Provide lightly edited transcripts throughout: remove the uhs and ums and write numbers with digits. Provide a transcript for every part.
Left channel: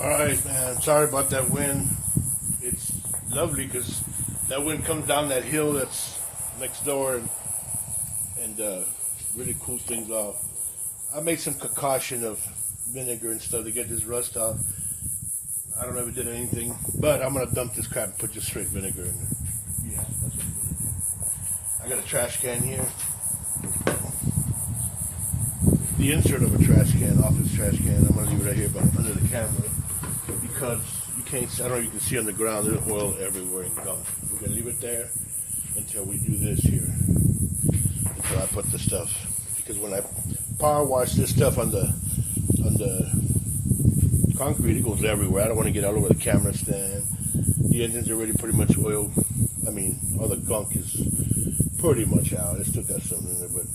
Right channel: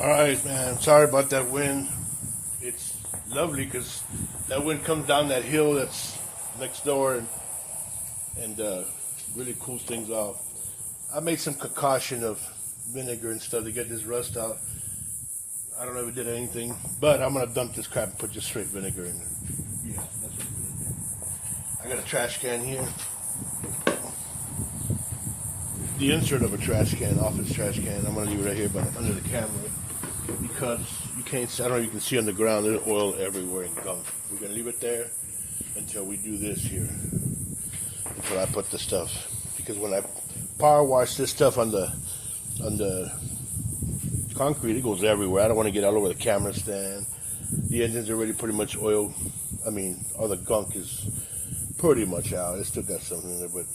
All right, man. Sorry about that wind. It's lovely because that wind comes down that hill that's next door and really cools things off. I made some concoction of vinegar and stuff to get this rust out. I don't know if it did anything, but I'm gonna dump this crap and put just straight vinegar in it. Yeah, that's what I'm gonna do. I got a trash can here. The insert of a trash can, office trash can. I'm gonna leave it right here, but under the camera because you can't. I don't know if you can see on the ground. There's oil everywhere and gunk. We're gonna leave it there until we do this here. Until I put the stuff, because when I power wash this stuff on the concrete, it goes everywhere. I don't want to get all over the camera stand. The engine's already pretty much oiled. I mean, all the gunk is pretty much out. It still got something in it, but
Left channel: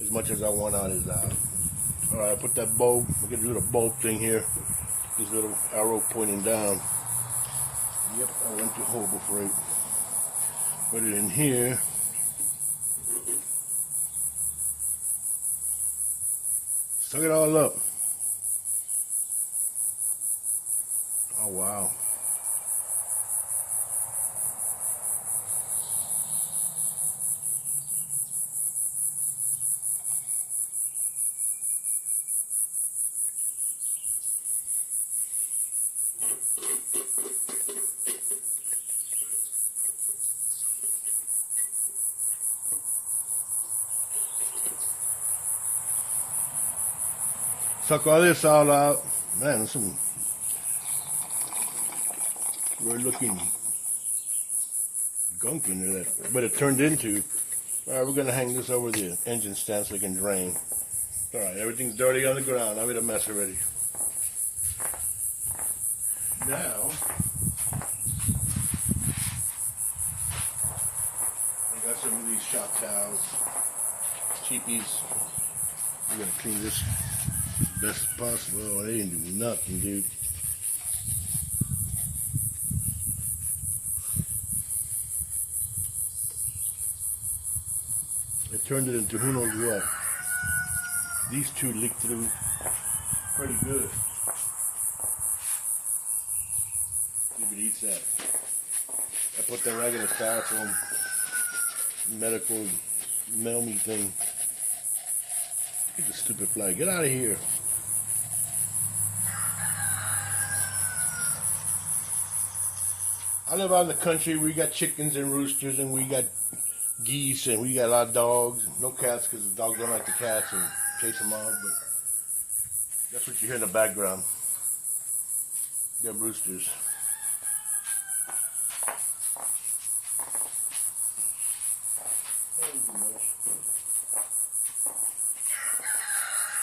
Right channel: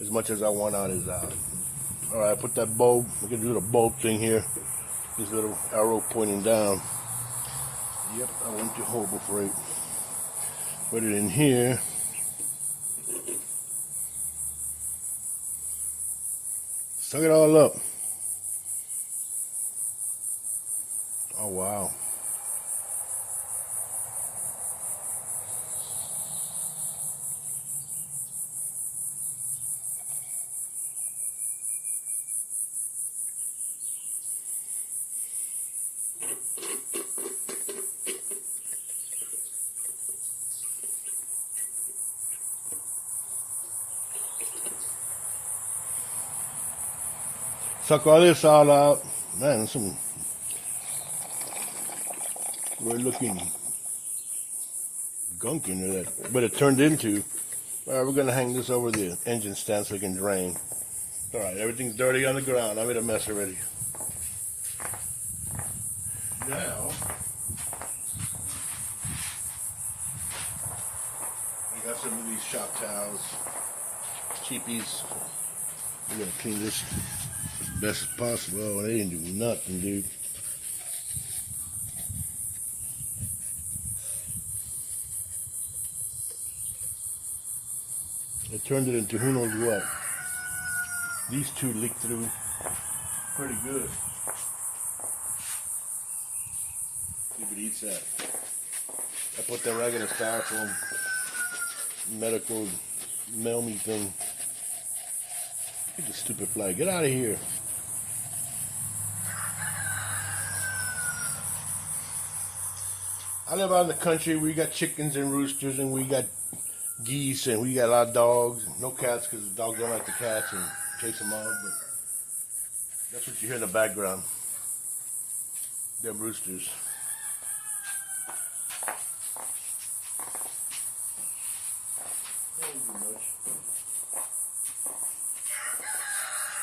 as much as I want out is out. All right, I put that bulb. I can do the bulb thing here. This little arrow pointing down. Yep, I want to hold before I put it in here. Suck it all up. Oh, wow. Suck all this all out. Man, some weird looking gunk in there, but it turned into. All right, we're gonna hang this over the engine stand so it can drain. All right, everything's dirty on the ground. I made a mess already. Now, I got some of these shop towels, teepees. We're gonna clean this best as possible. Oh, they didn't do nothing, dude. They turned it into who knows what. These two leaked through pretty good. See if it eats that. I put that regular styrofoam medical mail me thing. Look at the stupid fly. Get out of here. I live out in the country. We got chickens and roosters and we got geese and we got a lot of dogs. No cats because the dogs run out the cats and chase them out. But that's what you hear in the background. Them roosters.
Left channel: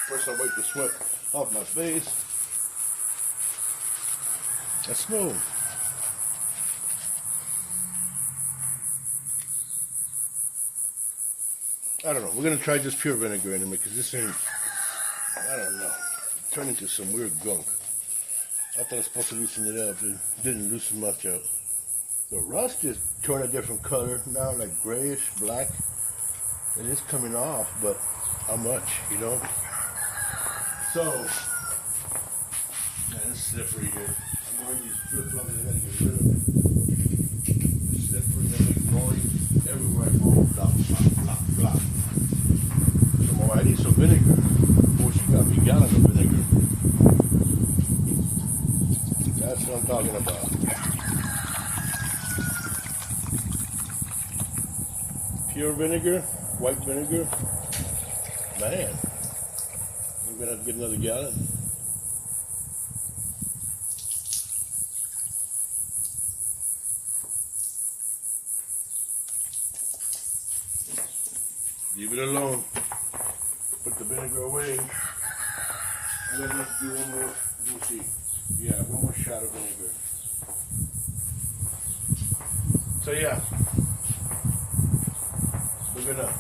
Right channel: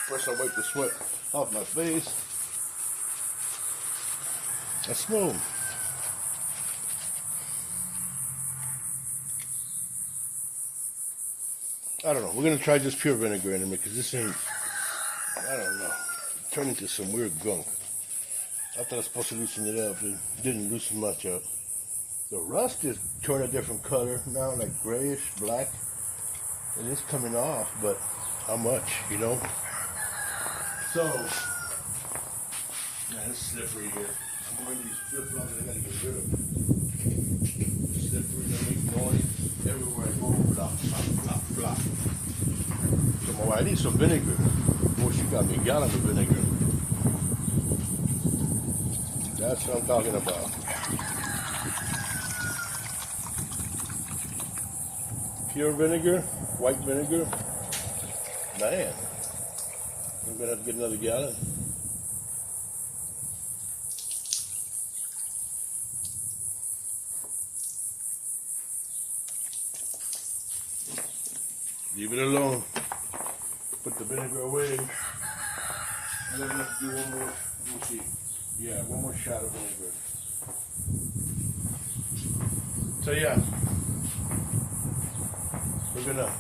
First I wipe the sweat off my face. That's smooth. I don't know. We're going to try just pure vinegar in it because this ain't, I don't know, it turned into some weird gunk. I thought I was supposed to loosen it up. It didn't loosen much up. The rust just turned a different color now, like grayish, black. It is coming off, but how much, you know? So, yeah, it's slippery here. I'm wearing these flip-flops and I gotta get rid of them. It's slippery, they make noise everywhere I go. Flop, flop, flop, flop. So, oh, I need some vinegar. Oh, she got me a gallon of vinegar. That's what I'm talking about. Pure vinegar, white vinegar. Man. I'm gonna have to get another gallon. Leave it alone. Put the vinegar away. And then let's do one more. Let me see. Yeah, one more shot of vinegar. So yeah, we're gonna.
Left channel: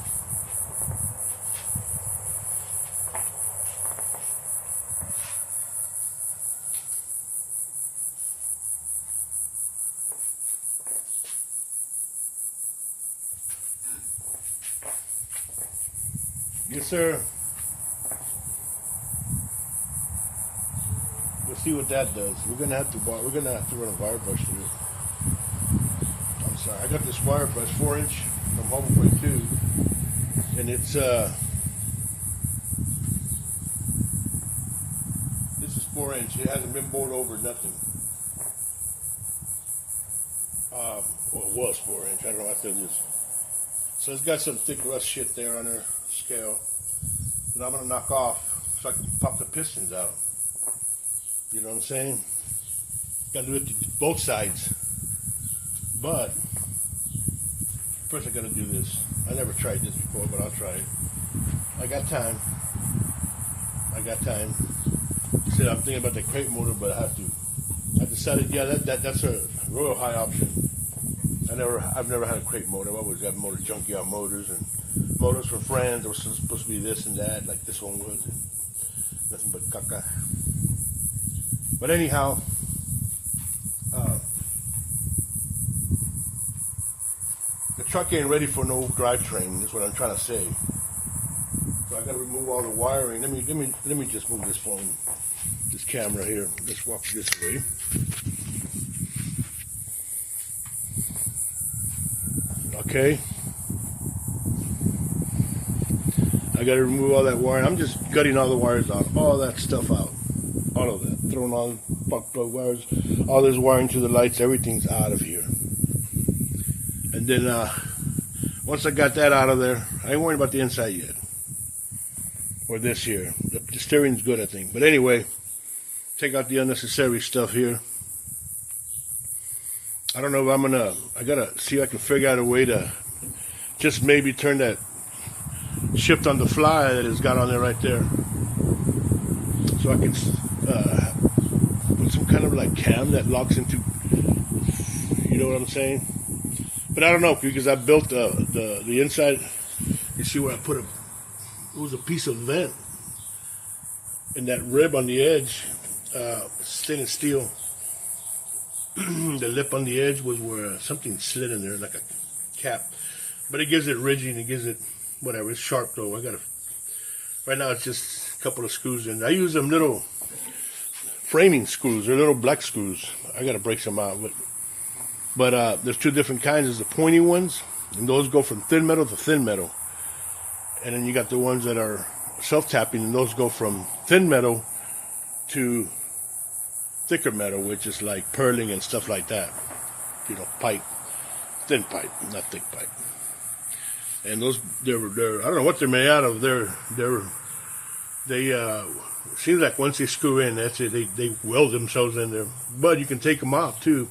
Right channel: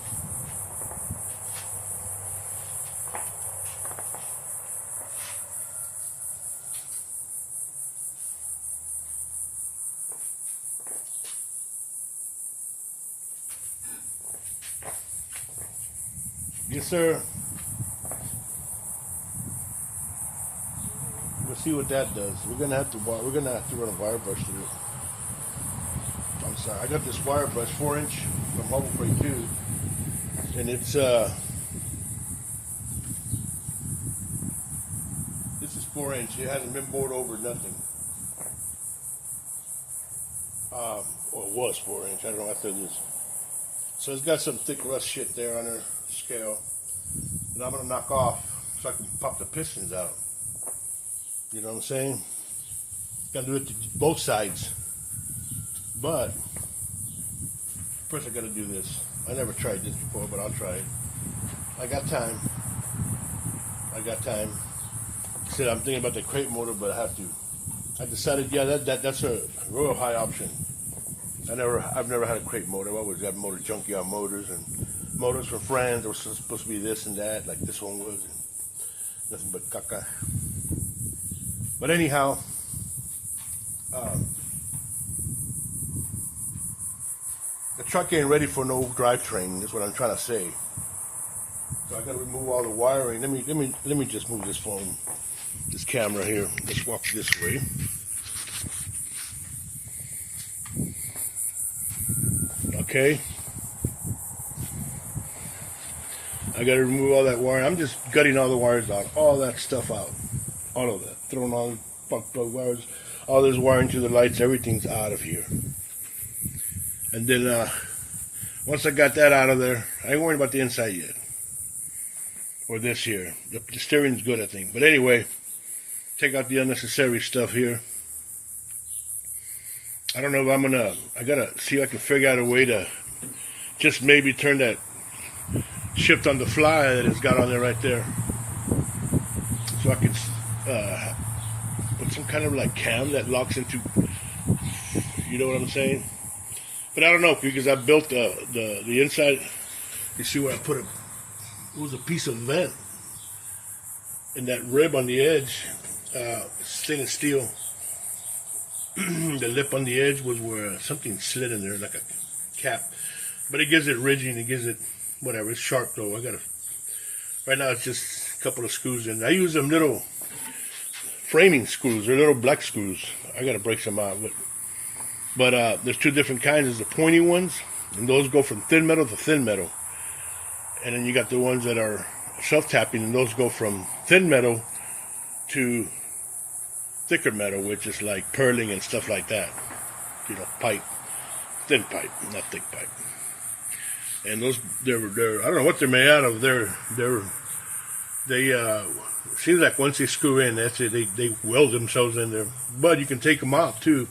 Yes, sir. Let's see what that does. We're gonna have to run a wire brush through it. I'm sorry, I got this wire brush 4-inch from Harbor Freight 2, and it's this is 4-inch. It hasn't been bored over, nothing. Well, it was 4-inch. I don't know after this. So it's got some thick rust shit there on the scale that I'm gonna knock off so I can pop the pistons out. You know what I'm saying? Gotta do it to both sides. But first I gotta do this. I never tried this before, but I'll try it. I got time. He said I'm thinking about the crate motor, but I have to. I decided, yeah, that's a real high option. I've never had a crate motor. I always had motor junkyard motors and motors for friends. It was supposed to be this and that, like this one was. Nothing but caca. But anyhow, the truck ain't ready for no drivetrain. That's what I'm trying to say. So I got to remove all the wiring. Let me just move this phone, this camera here. Let's walk this way. Okay. I got to remove all that wiring. I'm just gutting all the wires out, all that stuff out, all of that, throwing all the spark plug wires, all this wiring to the lights. Everything's out of here. And then once I got that out of there, I ain't worrying about the inside yet, or this here. The steering's good, I think. But anyway, take out the unnecessary stuff here. I don't know if I gotta see if I can figure out a way to just maybe turn that shift on the fly that it's got on there right there. So I can put some kind of like cam that locks into, you know what I'm saying? But I don't know, because I built the inside. You see where I put it was a piece of vent. And that rib on the edge, stainless steel. The lip on the edge was where something slid in there, like a cap. But it gives it ridging, it gives it whatever. It's sharp though. Right now it's just a couple of screws in. I use them little framing screws. They're little black screws. I gotta break some out. But there's two different kinds. There's the pointy ones, and those go from thin metal to thin metal. And then you got the ones that are self-tapping, and those go from thin metal to thicker metal, which is like purling and stuff like that. You know, pipe, thin pipe, not thick pipe. And those, they're I don't know what they're made out of. They seems like once they screw in, that's it. They weld themselves in there. But you can take them out too.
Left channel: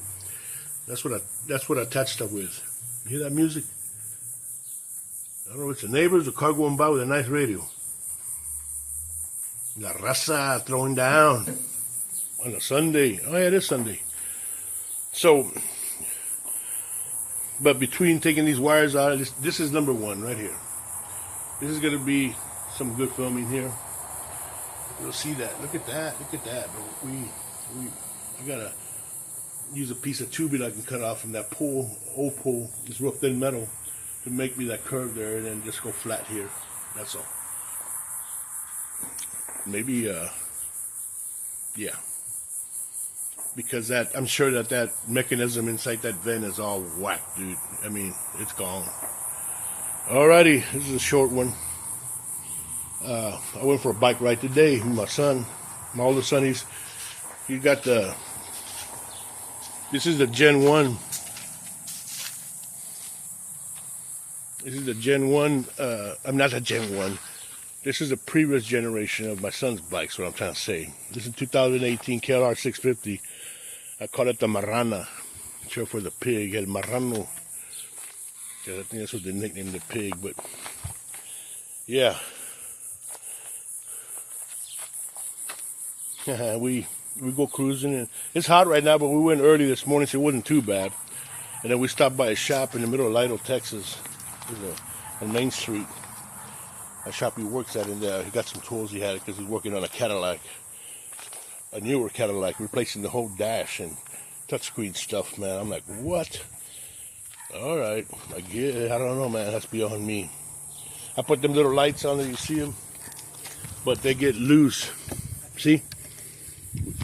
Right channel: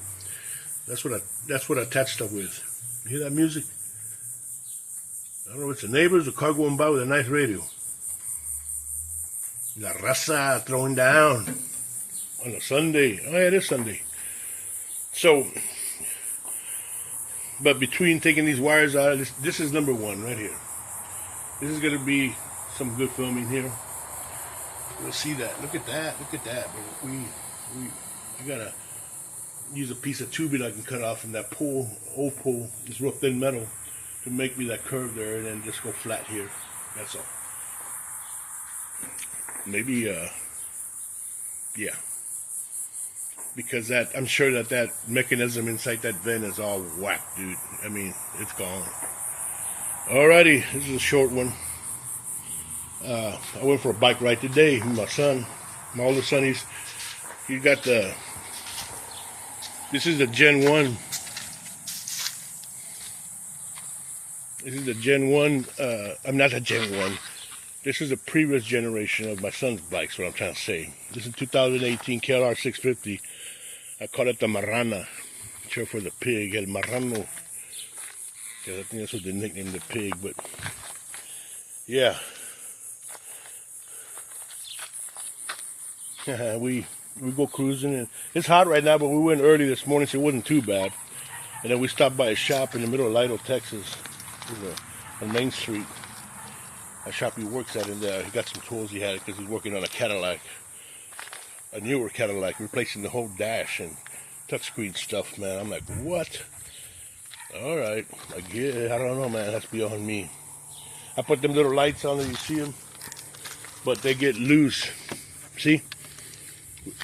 That's what I attach stuff with. You hear that music? I don't know if it's the neighbors or car going by with a nice radio. La raza throwing down on a Sunday. Oh yeah, it is Sunday. So, but between taking these wires out, this is number one right here. This is going to be some good filming here. You'll see that. Look at that. Look at that. But I gotta use a piece of tubing I can cut off from that old pole, this real thin metal, to make me that curve there, and then just go flat here. That's all. Maybe, yeah. Because I'm sure that mechanism inside that vent is all whacked, dude. I mean, it's gone. Alrighty, this is a short one. I went for a bike ride today with my son. My oldest son, he's got this is the Gen 1. This is the Gen 1, I'm not a Gen 1. This is a previous generation of my son's bikes, what I'm trying to say. This is 2018 KLR 650. I call it the Marrana. Short for the pig, El Marrano. Because I think that's what they nicknamed the pig, but yeah. we go cruising, and it's hot right now, but we went early this morning, so it wasn't too bad. And then we stopped by a shop in the middle of Lido, Texas, on Main Street. A shop he works at, and he got some tools he had because he's working on a Cadillac, a newer Cadillac, replacing the whole dash and touchscreen stuff, man. I'm like, what? All right, I don't know, man. It has to be on me. I put them little lights on there, you see them, but they get loose. See?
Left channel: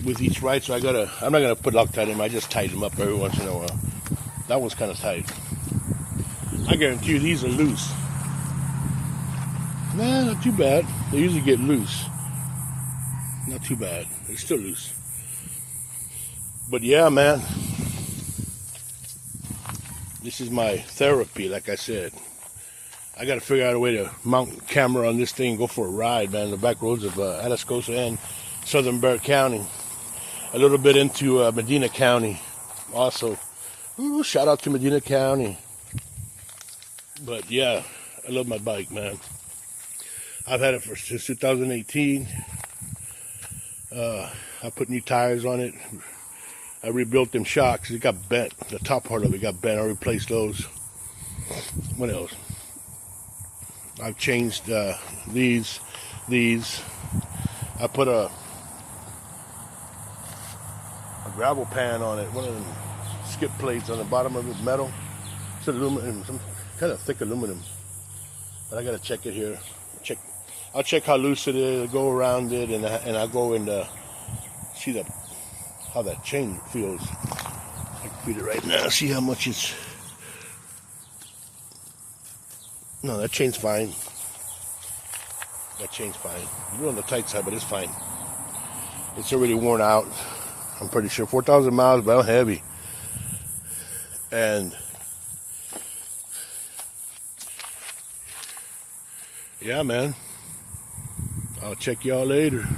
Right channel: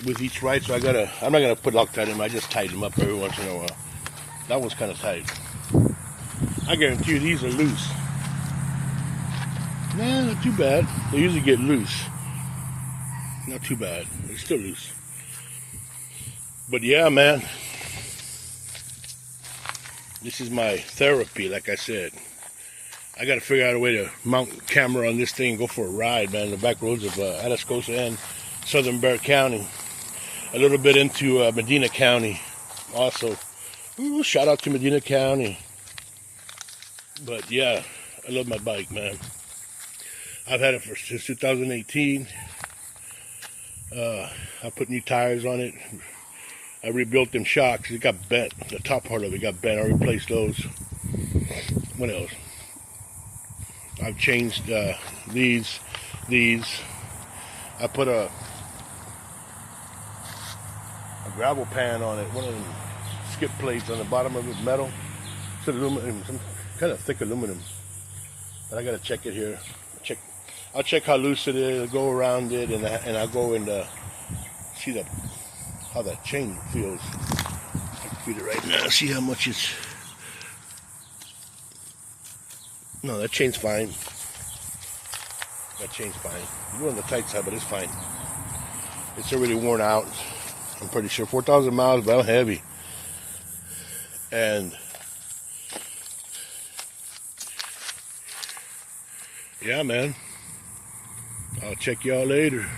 with each ride, so I'm not gonna put Loctite in them. I just tighten them up every once in a while. That one's kind of tight. I guarantee you these are loose. Nah, not too bad. They usually get loose. Not too bad. They're still loose. But yeah, man. This is my therapy, like I said. I got to figure out a way to mount camera on this thing and go for a ride, man. The back roads of Atascosa and Southern Bexar County. A little bit into Medina County also. Ooh, shout out to Medina County. But yeah, I love my bike, man. I've had it since 2018. I put new tires on it. I rebuilt them shocks. It got bent. The top part of it got bent. I replaced those. What else? I've changed these. I put a gravel pan on it. One of them skip plates on the bottom of it, metal. It's aluminum, some kind of thick aluminum. But I gotta check it here. I'll check how loose it is. I'll go around it, and I'll go and see how that chain feels. I can feel it right now. See how much it's. No, that chain's fine. That chain's fine. You're on the tight side, but it's fine. It's already worn out. I'm pretty sure 4,000 miles, but I'm heavy. And yeah, man. I'll check y'all later.